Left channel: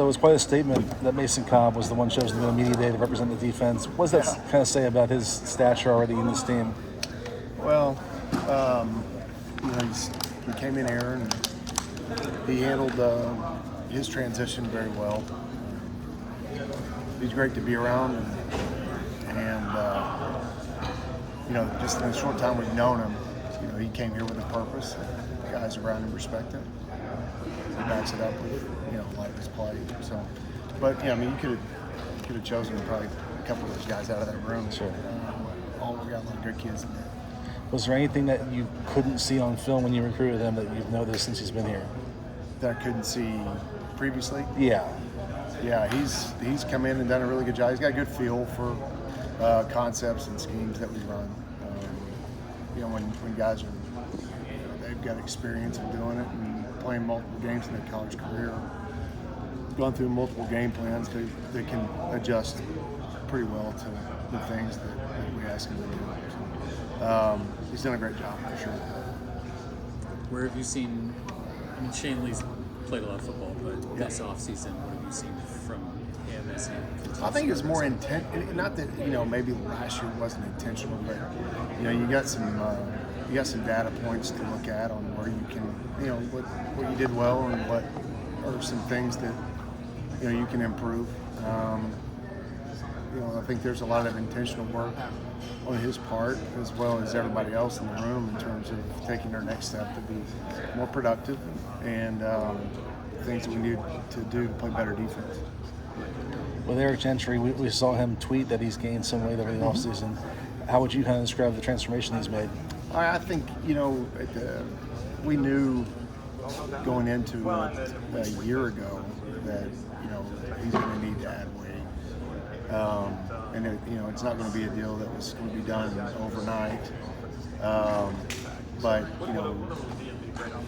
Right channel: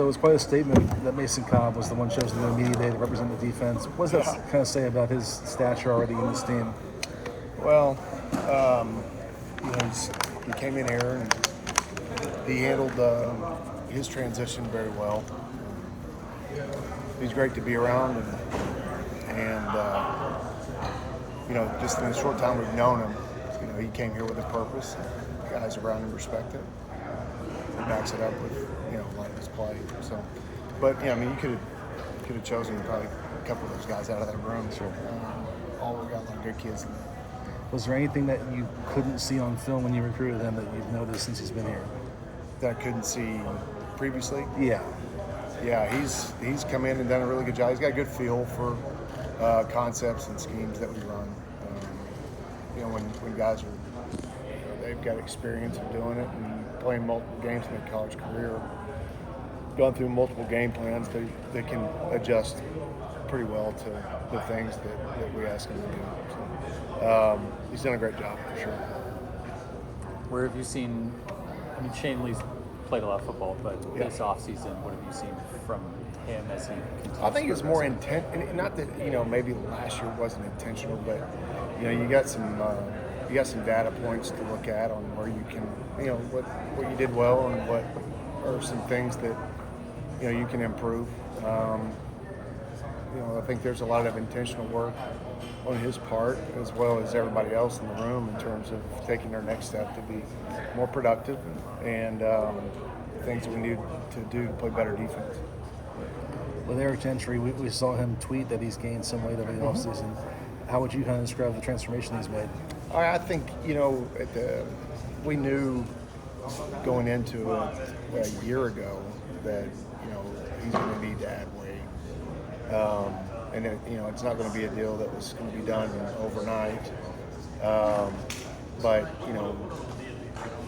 So it was quite a statement that Mason Cobb was the one chosen to go media day to represent the defense. What does that kind of say about his stature already in this team? Well, he came in here and he handled his transition very well. He's great to be around, and just in the short time we've known him, he came here with a purpose. The guys around him respect it. He backs it up with a lot of his play. So, but you could have chosen probably a couple of those guys out of that room. Sure. All we got a lot of good kids in there. Was there anything that you couldn't see on film when you recruited him that you've noticed since he's been here? That I couldn't see previously? Yeah. Yeah, he's come in and done a really good job. He's got a good feel for concepts and schemes that we run. When guys are, they've got experience of doing it and playing multiple games in their college career, gone through multiple game plans, they can adjust pretty well to the things that we ask them to do. So, he's done a great job for sure. Where have you seen? I mean, Shane Lee's played a lot of football, but this offseason, what have you seen from him as he continues? I think it's more intent. Not that maybe last year wasn't intentional, but you got some data points to look at on where you can, what you did well and what are some things that you can improve. I think there's a lot of intentional work on his part as well as everybody else in the room in terms of taking our next step to be more productive and things that we need to do to play better defense. With Eric Gentry, we saw him tweet that he's gained some weight over the offseason. How would you kind of describe the transformation he's made? I think, we knew going into it a year ago that, he's going to need to add weight. And it's not going to be a deal that was going to be done overnight. But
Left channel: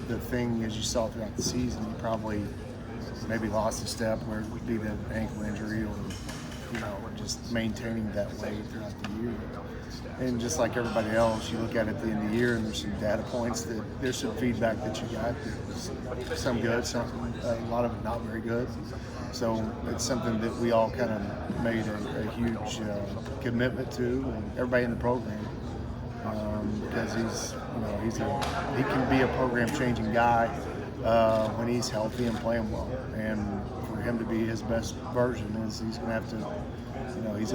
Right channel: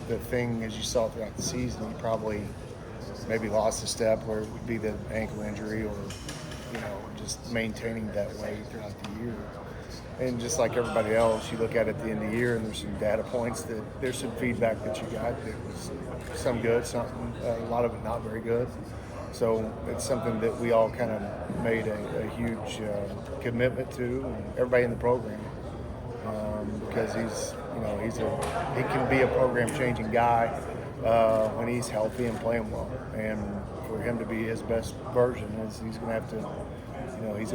the thing, as you saw throughout the season, he probably maybe lost a step where it would be the ankle injury or, just maintaining that weight throughout the year. And just like everybody else, you look at it at the end of the year and there's some data points that there's some feedback that you got that was some good, a lot of it not very good. So it's something that we all kind of made a huge commitment to, and everybody in the program, because he can be a program-changing guy when he's healthy and playing well. And for him to be his best version, he's going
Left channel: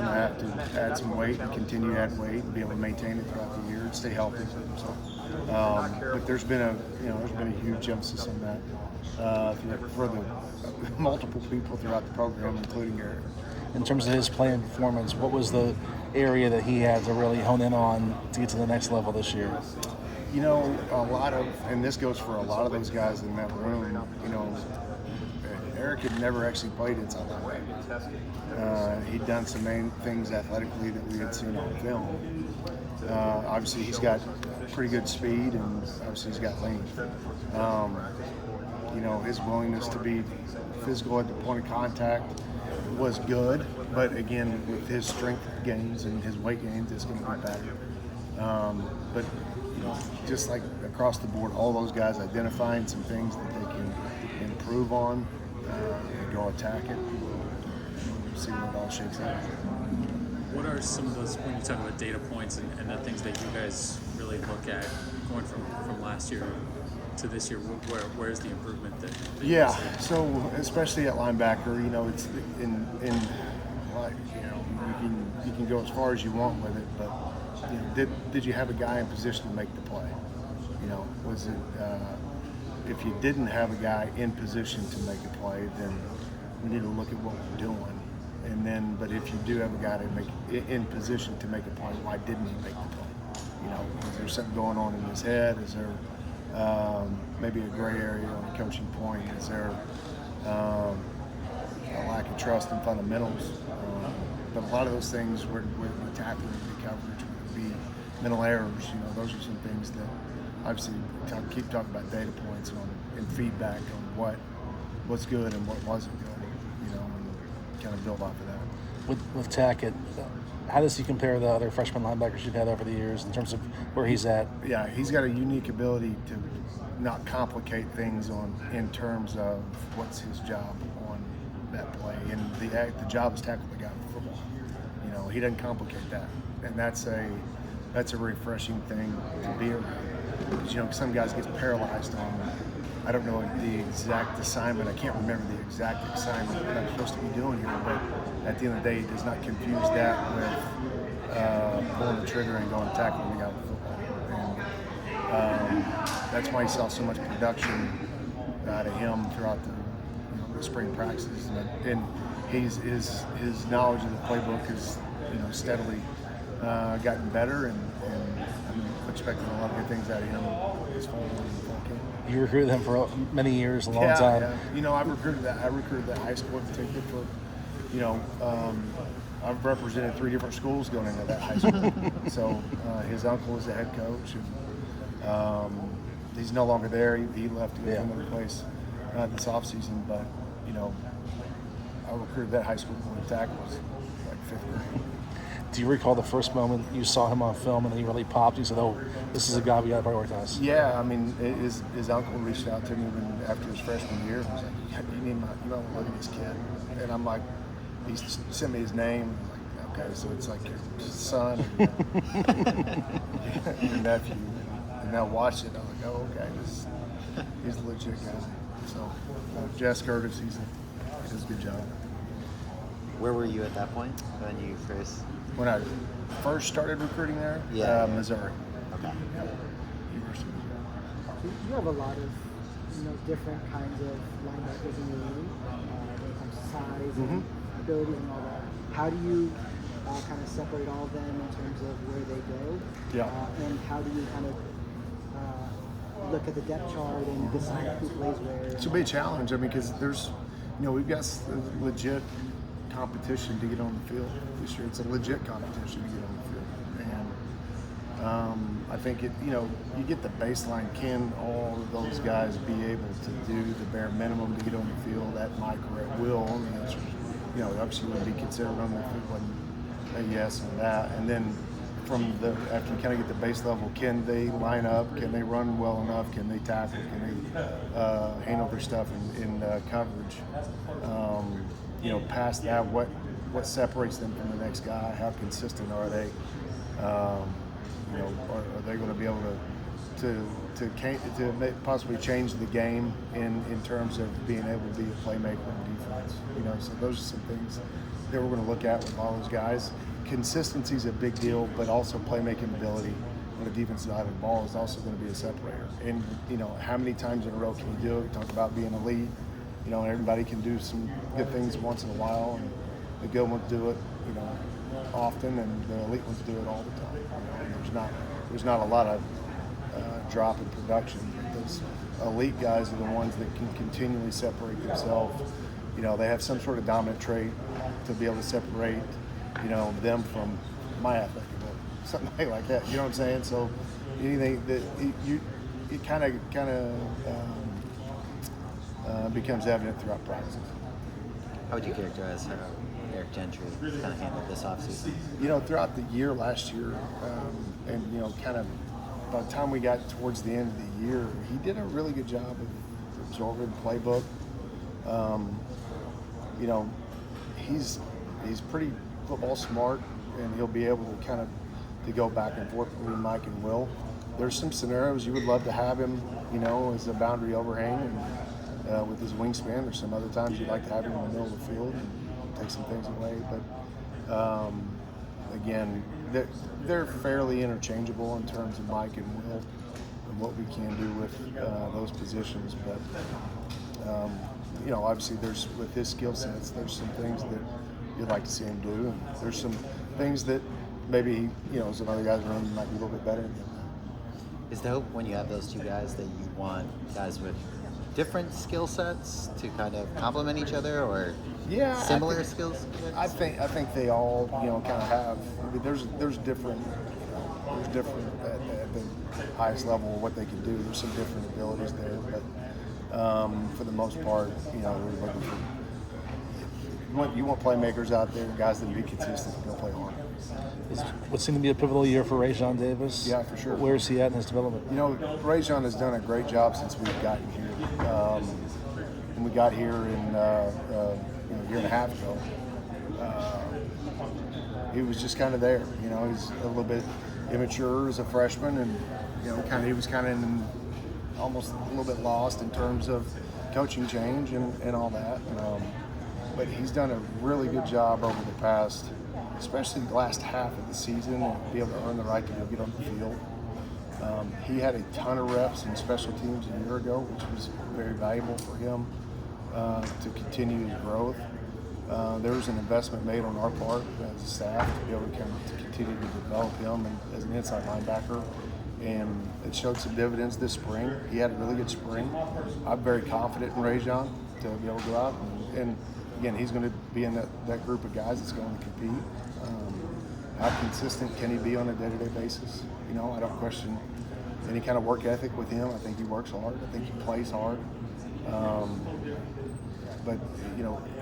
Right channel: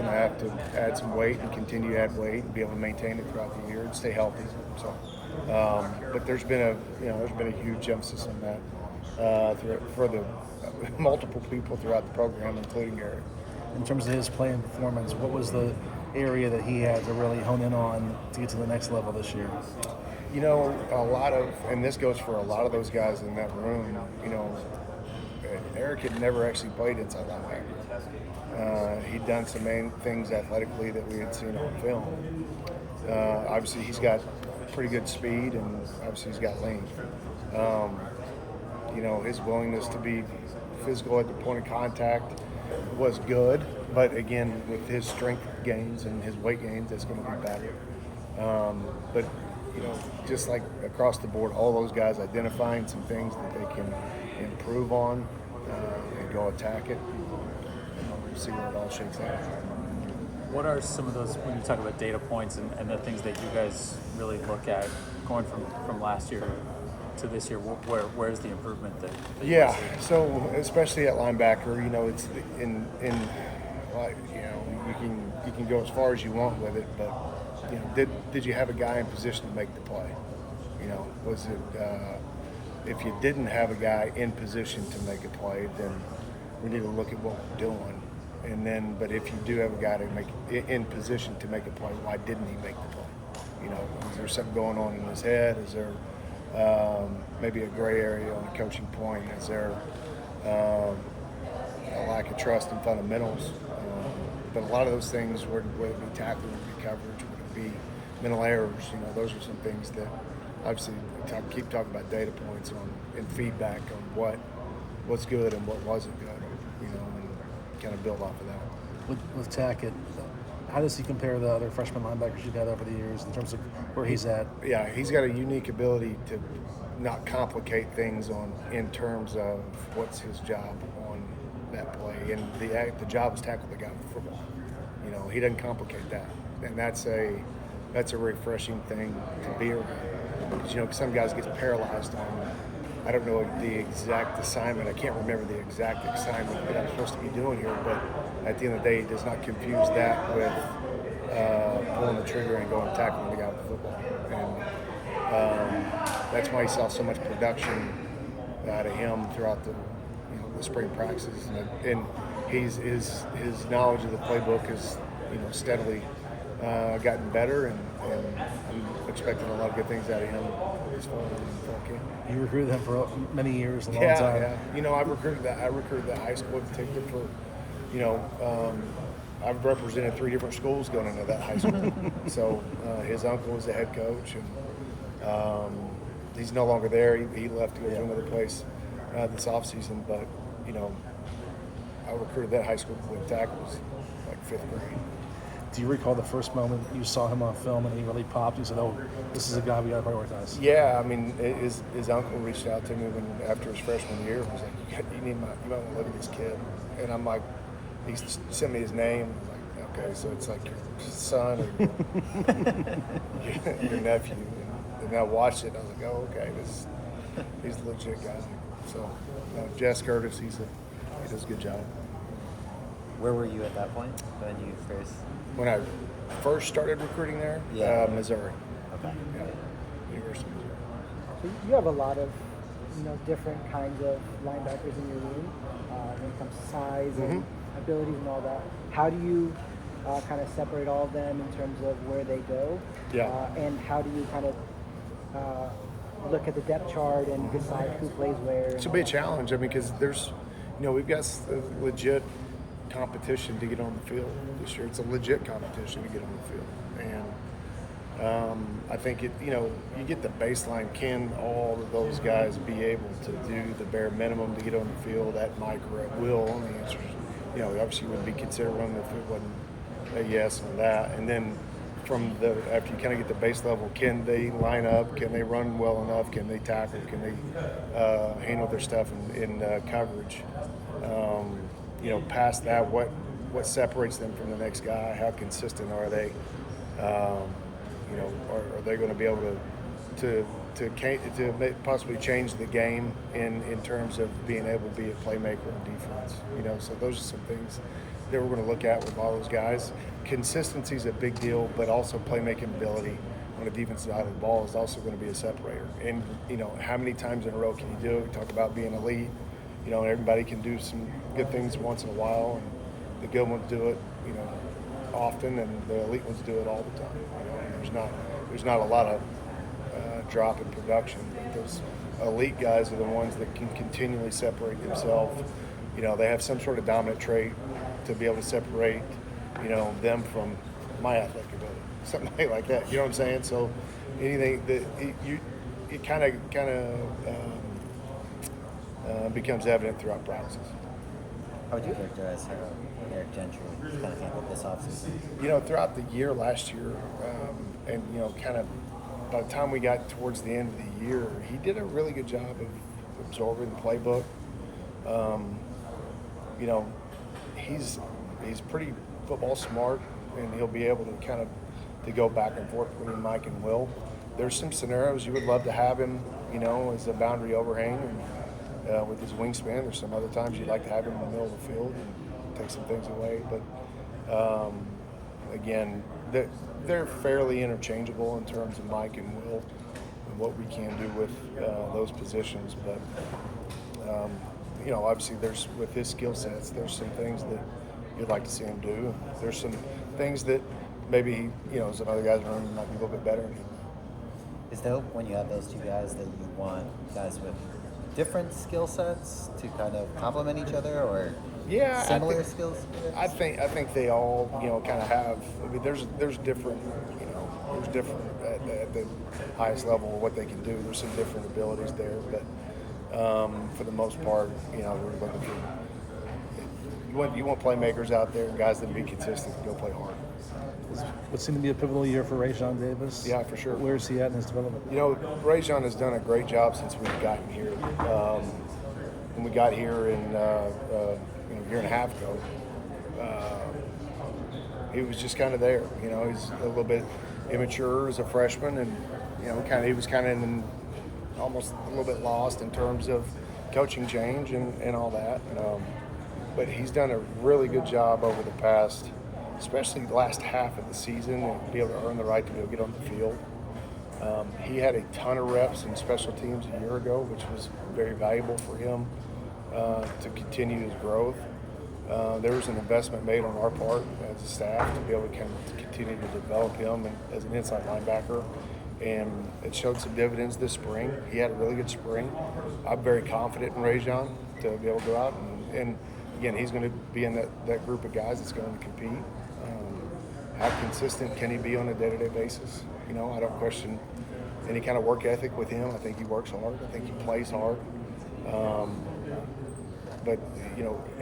to have to add some weight and continue to add weight and be able to maintain it throughout the year and stay healthy. So, but there's been a huge emphasis on that for the multiple people throughout the program, including Eric. In terms of his play and performance, what was the area that he had to really hone in on to get to the next level this year? A lot of, and this goes for a lot of those guys in that room, Eric had never actually played inside linebacker. He'd done some main things athletically that we had seen on film. Obviously, he's got pretty good speed, and obviously he's got length. His willingness to be physical at the point of contact was good, but again, with his strength gains and his weight gains, it's going to be better. But just like across the board, all those guys identifying some things that they can improve on and go attack it. We'll see where it all shakes out. What are some of those, when you talk about data points and the things that you guys really look at going from last year to this year, where's the improvement that you see? So especially at linebacker, it's you can go as far as you want with it, but did you have a guy in position to make the play? Was it if you didn't have a guy in position to make a play, then we need to look at what we're doing. And then, but if you do have a guy to make in position to make a play, why didn't he make the play? Is there something going on in his head? Is there maybe a gray area on a coaching point? Is there a lack of trust in fundamentals? But a lot of those things, would it be tackling, would it be coverage, would it be mental errors? Those are some things that obviously keep talking about data points and feedback on what's good and what wasn't good, and kind of build off of that. With Tackett, how does he compare to the other freshman linebackers you've had over the years in terms of where he's at? Yeah, he's got a unique ability to not complicate things in terms of what's his job that play, and the job is tackle the guy with football. You know, he doesn't complicate that, and that's a refreshing thing to be around. Because, you know, some guys get paralyzed on, I don't know the exact assignment. I can't remember the exact assignment that I'm supposed to be doing here, but at the end of the day, he does not confuse that with pulling the trigger and going and tackling the guy with the football. And that's why you saw so much production out of him throughout the spring practices. And his knowledge of the playbook has steadily gotten better, and I'm expecting a lot of good things out of him this fall camp. You recruited him for many years, a long time. Yeah. You know, I recruited that high school in particular for, I've represented 3 different schools going into that high school. So his uncle was the head coach, and he's no longer there. He left to go to another place this offseason. But, I recruited that high school with tackles like 5th grade. Do you recall the first moment you saw him on film and he really popped? You said, "Oh, this is a guy we got to prioritize." Yeah, I mean, his uncle reached out to me after his freshman year. He was like, you might want to look at this kid. And I'm like, he sent me his name. I'm like, okay, so it's like your son or your nephew. And I watched it. I was like, oh, okay, he's a legit guy. So, Jess Curtis, he does a good job. Where were you at that point when you first? When I first started recruiting there, Missouri. Okay. Yeah, University of Missouri. You have a lot of different kinds of linebackers in your league when it comes to size and abilities and all that. How do you kind of separate all of them in terms of where they go? Yeah. And how do you kind of look at the depth chart and decide who plays where? It's a big challenge. I mean, because there's, we've got legit competition to get on the field this year. It's a legit competition to get on the field, and I think you get the baseline. Can all of those guys be able to do the bare minimum to get on the field at Mike or at will? And the answer is, obviously wouldn't be considered them if it wasn't a yes on that. And then after you kind of get the base level, can they line up? Can they run well enough? Can they tackle? Can they handle their stuff in coverage? Past that, what separates them from the next guy? How consistent are they? Are they going to be able to possibly change the game in terms of being able to be a playmaker on defense? So those are some things that we're going to look at with all those guys. Consistency is a big deal, but also playmaking ability on the defensive side of the ball is also going to be a separator. And how many times in a row can you do it? We talk about being elite. Everybody can do some good things once in a while, and the good ones do it, often, and the elite ones do it all the time. There's not a lot of drop in production, but those elite guys are the ones that can continually separate themselves. They have some sort of dominant trait to be able to separate, them from my athletic ability, something like that. You know what I'm saying? So anything that it kind of becomes evident throughout practices. How would you characterize how Eric Gentry kind of handled this offseason? Throughout the year last year, and kind of by the time we got towards the end of the year, he did a really good job of absorbing the playbook. He's pretty football smart, and he'll be able to kind of to go back and forth between Mike and Will. There's some scenarios you would love to have him, as a boundary overhang and with his wingspan. There's some other times you'd like to have him in the middle of the field and take some things away. But again, they're fairly interchangeable in terms of Mike and Will and what we can do with those positions. But obviously with his skill sets, there's some things that you'd like to see him do, and there's some things that maybe some other guys in the room might be a little bit better than him. Is there, when you have those two guys, that you want guys with different skill sets to kind of complement each other, or similar skills? I think they all kind of have. I mean, there's different there's different at the highest level of what they can do. There's some different abilities there, but for the most part, we're looking for. You want playmakers out there, guys that be consistent, go play hard. What seemed to be a pivotal year for Rajon Davis? Yeah, for sure. Where is he at in his development? Rajon has done a great job since we've gotten here. When we got here in year and a half ago, he was just kind of there. He's a little bit immature as a freshman, and he was kind of almost a little bit lost in terms of coaching change and all that. But he's done a really good job over the past, especially the last half of the season, and be able to earn the right to be able to get on the field. He had a ton of reps in special teams a year ago, which was very valuable for him to continue his growth. There was an investment made on our part as a staff to be able to continue to develop him as an inside linebacker, and it showed some dividends this spring. He had a really good spring. I'm very confident in Trojan to be able to go out and again, he's going to be in that group of guys that's going to compete. How consistent can he be on a day-to-day basis? I don't question any kind of work ethic with him. I think he works hard. I think he plays hard. But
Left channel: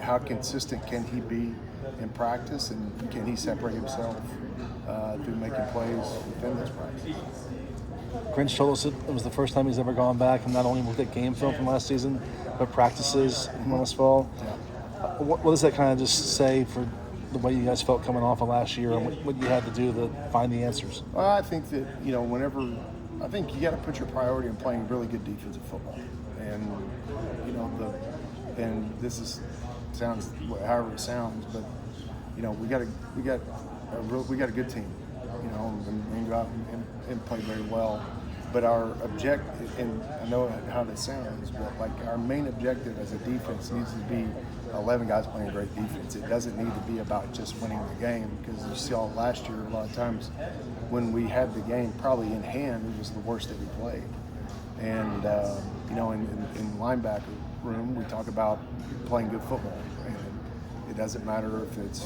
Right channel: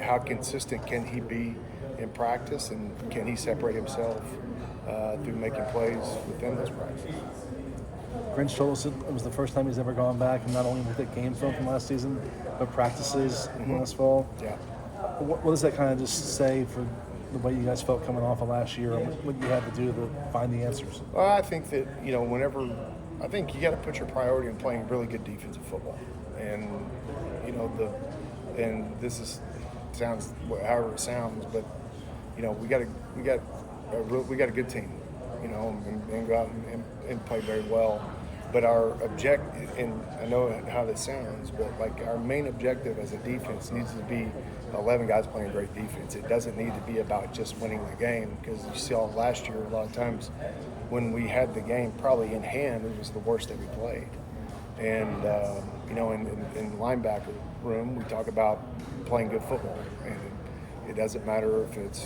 how consistent can he be in practice, and can he separate himself through making plays within those practices? Grinch told us it was the first time he's ever gone back and not only looked at game film from last season, but practices from last fall. Yeah. What does that kind of just say for the way you guys felt coming off of last year and what you had to do to find the answers? Well, I think that, I think you got to put your priority in playing really good defensive football. And, and this sounds however it sounds, but, we got a good team, and go out and play very well. But our objective, and I know how that sounds, but our main objective as a defense needs to be 11 guys playing great defense. It doesn't need to be about just winning the game, because you saw last year a lot of times when we had the game probably in hand, it was the worst that we played. And in the linebacker room, we talk about playing good football, and it doesn't matter if it's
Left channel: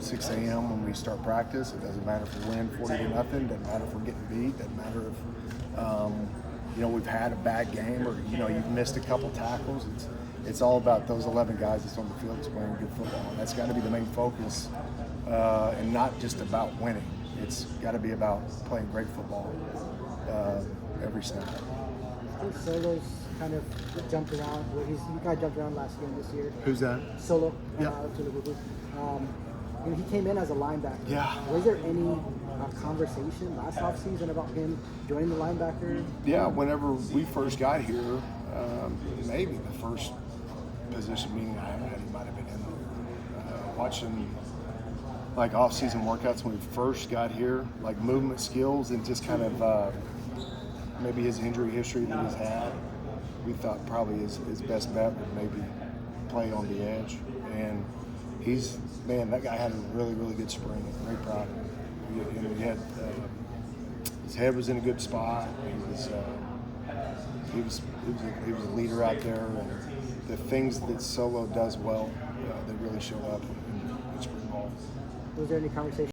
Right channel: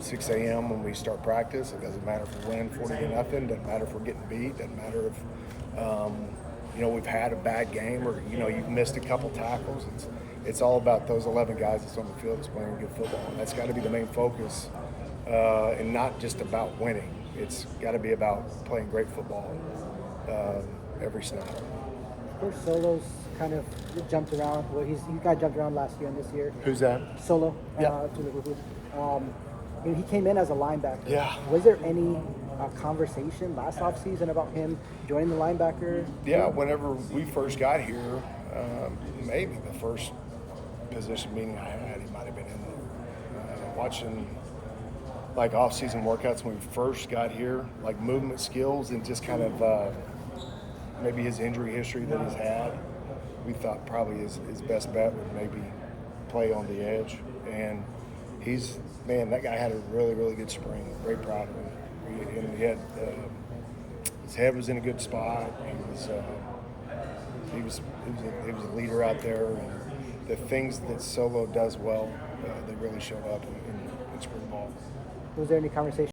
6 a.m. when we start practice. It doesn't matter if we win 40-0. Doesn't matter if we're getting beat. Doesn't matter if we've had a bad game or you've missed a couple tackles. It's all about those 11 guys that's on the field that's playing good football, and that's got to be the main focus, and not just about winning. It's got to be about playing great football every snap. Solo's kind of jumped around. You guys jumped around last year and this year. Who's that? Solo. Yeah. He came in as a linebacker. Yeah. Was there any conversation last offseason about him joining the linebacker? Yeah, whenever we first got here, maybe the first position meeting I had, he might have been in there. Watching off-season workouts when we first got here, movement skills and just kind of maybe his injury history that he's had, we thought probably his best bet would maybe play on the edge. And that guy had a really, really good spring. Very proud of him. He had, his head was in a good spot. He was a leader out there, and the things that Solo does well, they really show up in spring ball. Was there any conversation